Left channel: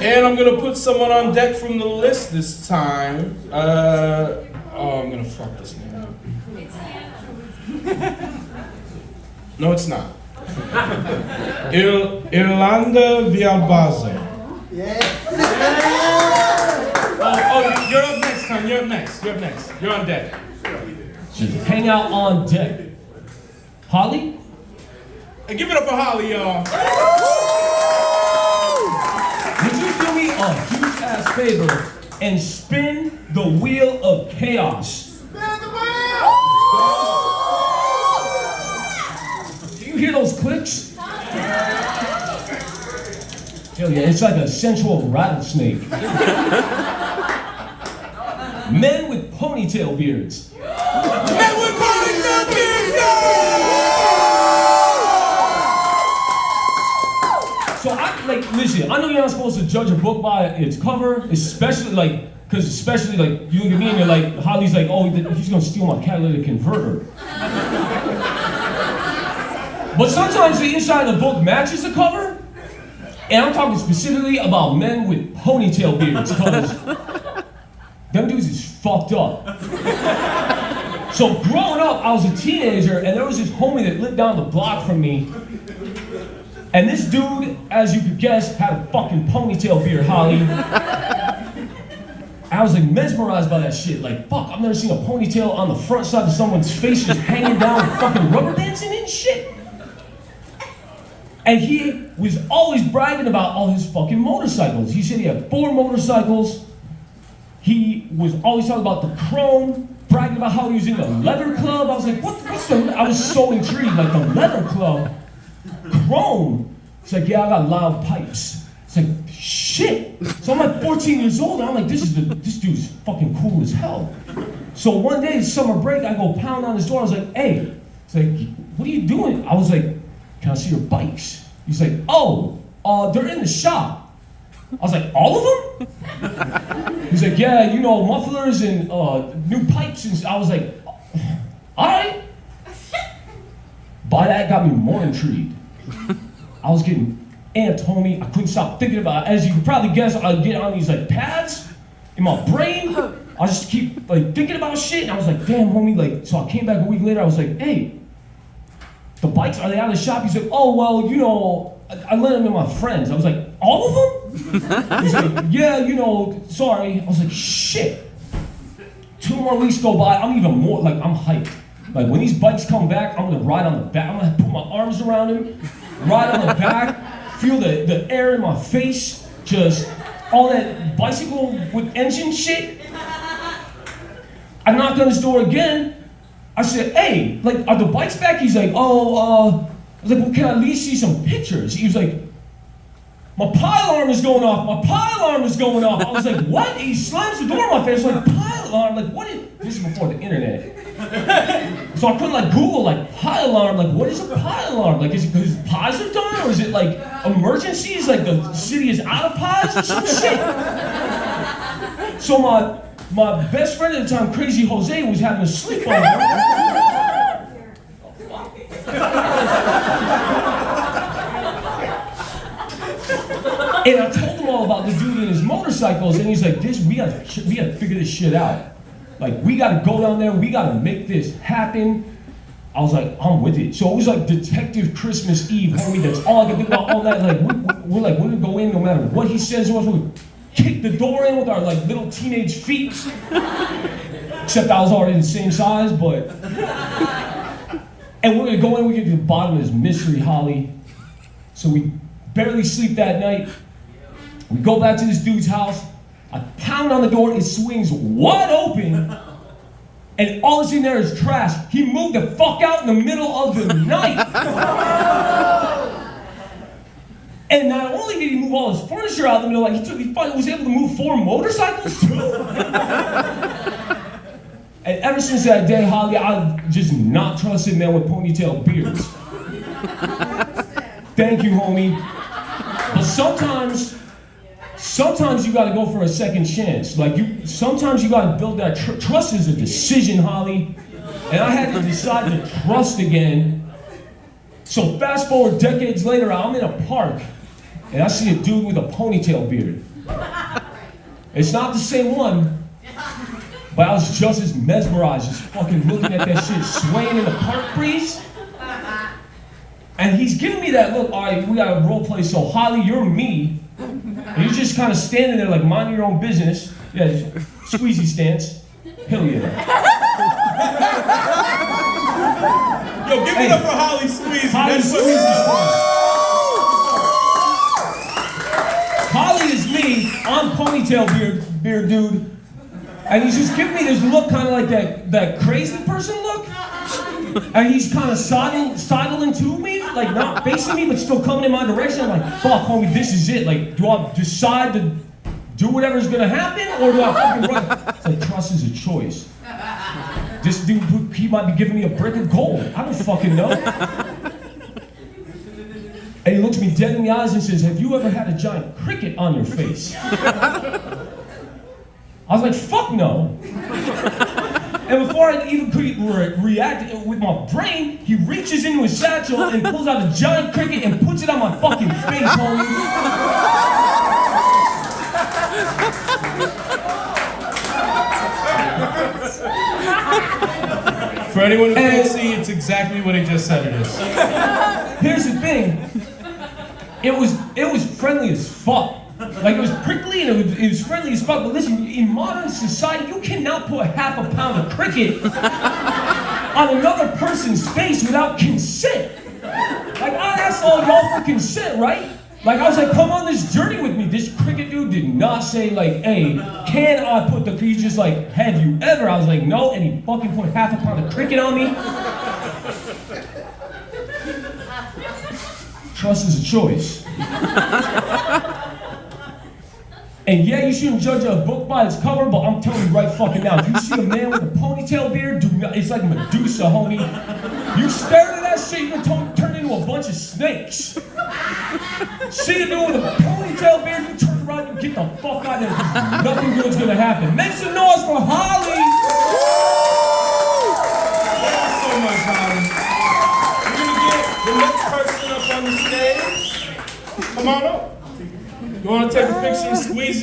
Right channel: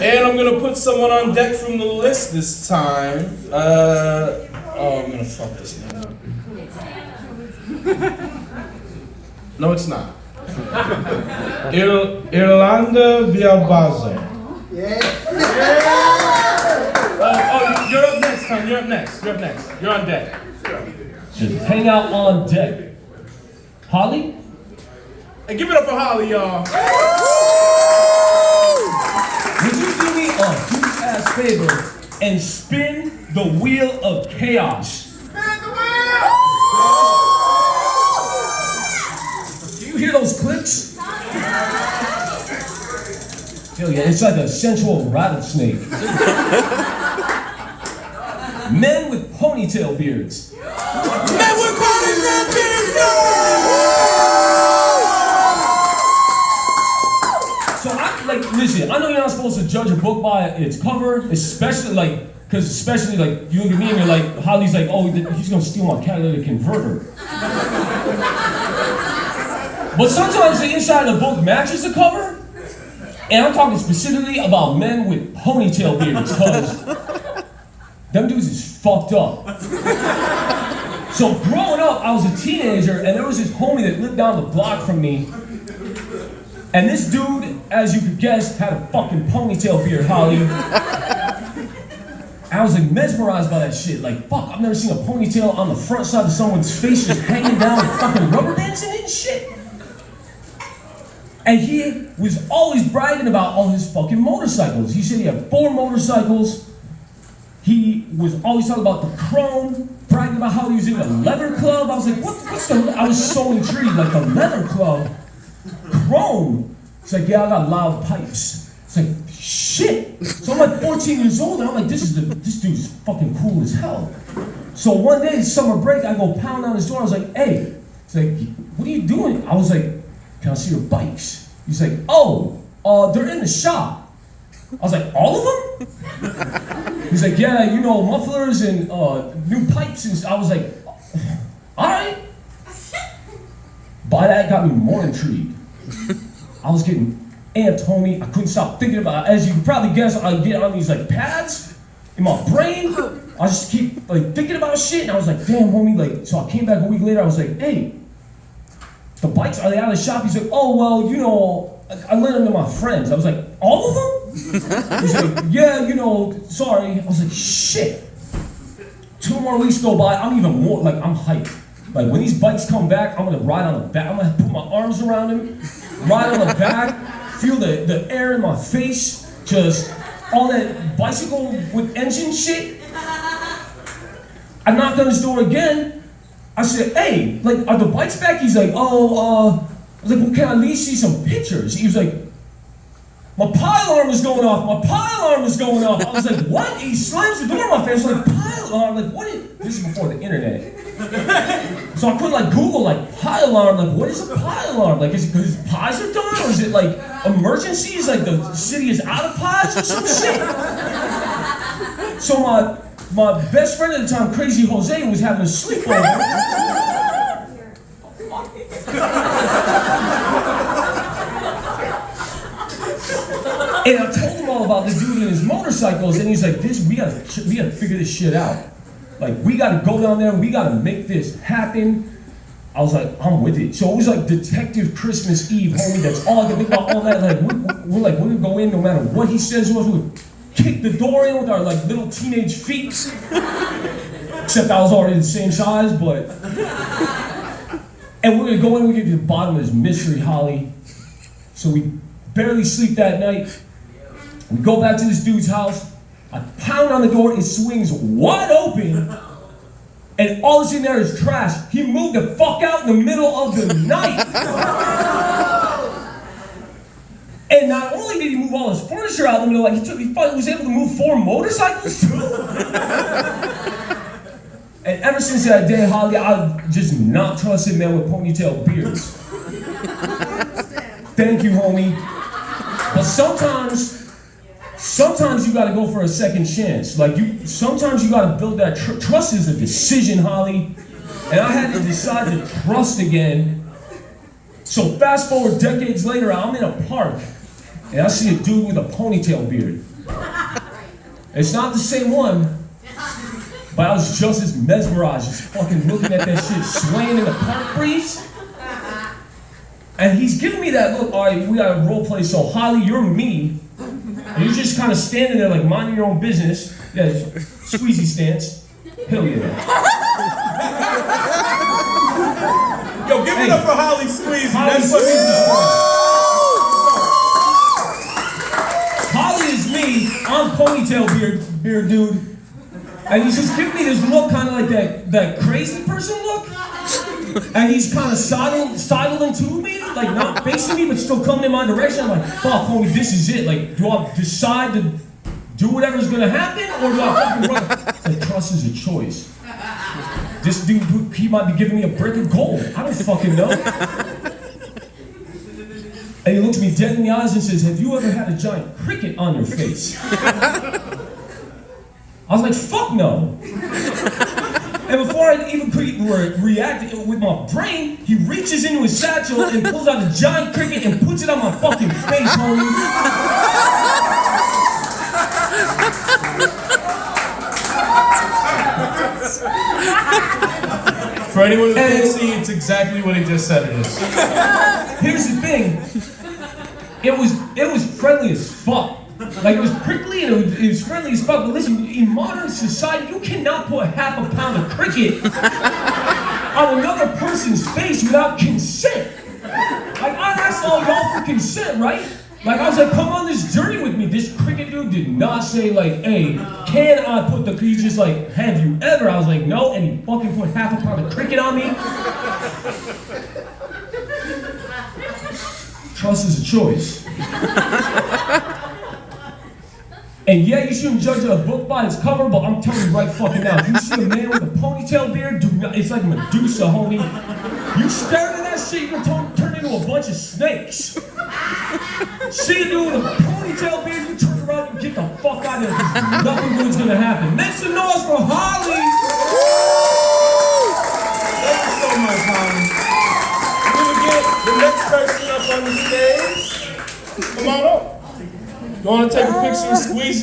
And I'm gonna put someone on deck from the list this time. I'm gonna fuck this name up. No, it's not. Irlanda Villalbazo. Oh, you're up next, son. You're up next. You're on deck. Just hang out on deck. Holly? Hey, give it up for Holly, y'all. Would you do me a huge-ass favor and spin the wheel of chaos? Spin the wheel! Do you hear those clicks? Hell yeah, it's like a sensual rattlesnake. Men with ponytail beards. Men with ponytail beards, no! So listen, I know you're not supposed to judge a book by its cover, especially you look at me and you're like, Holly's like, oh, he's gonna steal my catalytic converter. But sometimes the inside of the book matches the cover, and I'm talking specifically about men with ponytail beards, because them dudes is fucked up. So growing up, I was a teenager, and there was this homie that lived down the block from me. And this dude, as you could guess, had a fucking ponytail beard, Holly. I was like mesmerized by that shit. Like, fuck, I've never seen a ponytail on the front side of someone's face just hanging down and fucking rubber dancing and shit. And he was always bragging about all his fucking motorcycles. He said he had 4 motorcycles. He was always talking about the chrome, bragging about how he was in the leather club. I was like, what's the, I was so intrigued, like the leather club, chrome. It's like, yeah, I got loud pipes. It's like, shit. So I'm like 14 years old, and I'm like, this dude's fucking cool as hell. So one day, summer break, I go pound on his door. I was like, hey, it's like, what are you doing? I was like, can I see your bikes? He's like, oh, they're in the shop. I was like, all of them? He's like, yeah, you know, mufflers and new pipes. And I was like, all right. By that got me more intrigued. I was getting amped, homie. I couldn't stop thinking about it. As you can probably guess, I'd get on these like pads in my brain. I just keep like thinking about shit, and I was like, damn, homie. Like, so I came back a week later. I was like, hey, the bikes, are they out of the shop? He's like, oh, well, you know, I lent them to my friends. I was like, all of them? He's like, yeah, you know, sorry. I was like, shit. 2 more weeks go by, I'm even more, like, I'm hyped. Like, when these bikes come back, I'm gonna ride on the back. I'm gonna put my arms around him, ride on the back, feel the air in my face, just all that bicycle with engine shit. I knocked on his door again. I said, hey, like, are the bikes back? He's like, oh, I was like, well, can I at least see some pictures? He was like, my pile alarm is going off. My pile alarm is going off. I was like, what? And he slams the door in my face. I was like, pile alarm? Like, what is, this is before the internet. So I couldn't like Google like pile alarm. Like, what is a pile alarm? Like, is it because pies are done? Or is it like emergencies? Like the city is out of pies or some shit? So my best friend at the time, Crazy Jose, was having a sleepover. And I told him all about this dude and his motorcycles, and he's like, we gotta figure this shit out. Like, we gotta go down there, we gotta make this happen. I was like, I'm with it. So it was like Detective Christmas Eve, homie, that's all I can think about all that. Like, we're gonna go in no matter what he says to us. We'll kick the door in with our like little teenage feet. Except I was already the same size, but. And we're gonna go in, we get to the bottom of this mystery, Holly. So we barely sleep that night. We go back to this dude's house. I pound on the door, it swings wide open, and all that's in there is trash. He moved the fuck out in the middle of the night. And not only did he move all his furniture out in the middle, like he was able to move 4 motorcycles too. And ever since that day, Holly, I've just not trusted men with ponytail beards. Thank you, homie. But sometimes you gotta go for a second chance. Like sometimes you gotta build that trust is a decision, Holly. And I had to decide to trust again. So fast forward decades later, I'm in a park. and I see a dude with a ponytail beard. It's not the same one, but I was just as mesmerized, just fucking looking at that shit swaying in the park breeze. And he's giving me that look, all right, we gotta role play, so Holly, you're me. And you're just kind of standing there like minding your own business. Yeah, Skweezy stance. Hell yeah. Yo, give it up for Holly Skweezy. Holly That's what Holly is me, I'm ponytail beard dude. And he's just giving me this look kind of like that crazy person look. And he's kind of sidling to me, like not facing me, but still coming in my direction. I'm like, fuck, homie, this is it. Like, do I decide to do whatever's gonna happen, or do I fucking run? It's like, trust is a choice. This dude, he might be giving me a brick of gold. I don't fucking know. And he looks me dead in the eyes and says, have you ever had a giant cricket on your face? I was like, fuck no. And before I even could react with my brain, he reaches into his satchel and pulls out a giant cricket and puts it on my fucking face, homie. For anyone who can't see, it's exactly what he just said it is. Here's the thing. It was friendly as fuck. Like, it was prickly and it was friendly as fuck. But listen, in modern society, you cannot put half a pound of cricket on another person's face without consent. Like, I asked all y'all for consent, right? Like, I was like, come on this journey with me. This cricket dude did not say, like, hey, can I put the, he's just like, have you ever? I was like, no, and he fucking put half a pound of cricket on me. Trust is a choice. And yeah, you shouldn't judge a book by its cover, but I'm telling you right fucking now, if you see a man with a ponytail beard, do not, it's like Medusa, homie. You stare at that shit, you can turn into a bunch of snakes. See a dude with a ponytail beard, you turn around and get the fuck out of here, because nothing good's gonna happen. Make some noise for Holly! Thank you so much, Holly. We're gonna get the next person up on the stage. Come on up. You wanna take a picture of Skweezy?